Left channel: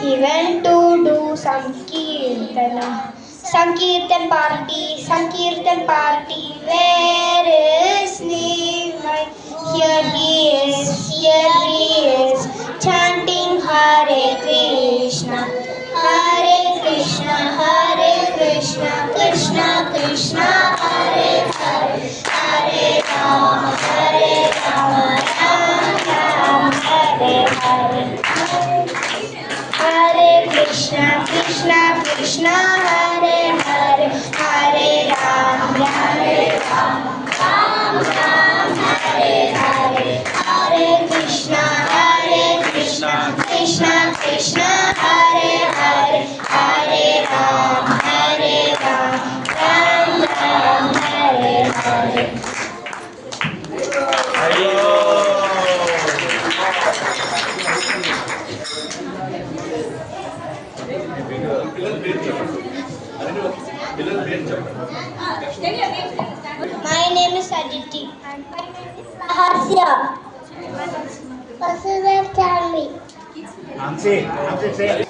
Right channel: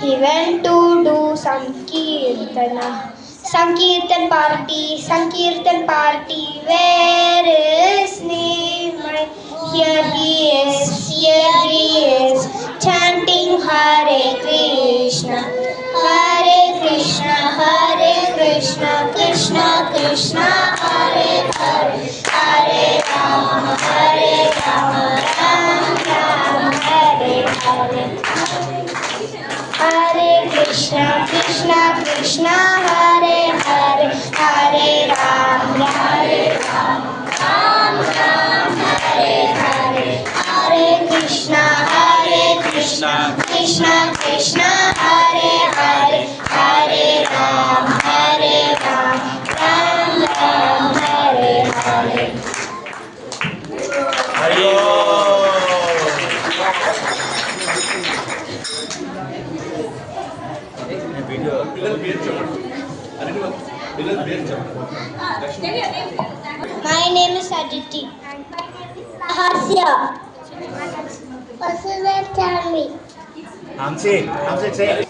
He went to do Sankirtan party. Where is Nimai? Here he is, chanting Hare Krishna, Krishna Krishna, Hare Hare, Hare Rama, Ram Ram, Hare Hare. Hare Krishna, Krishna Krishna, Hare Hare, Hare Ram, Ram Ram, Hare Hare. Hare Krishna, Krishna Krishna, Hare Hare, Hare Ram, Ram Ram, Hare Hare. My name is Aditi. And my name is Sahasya. Possible tell me. Namse, say.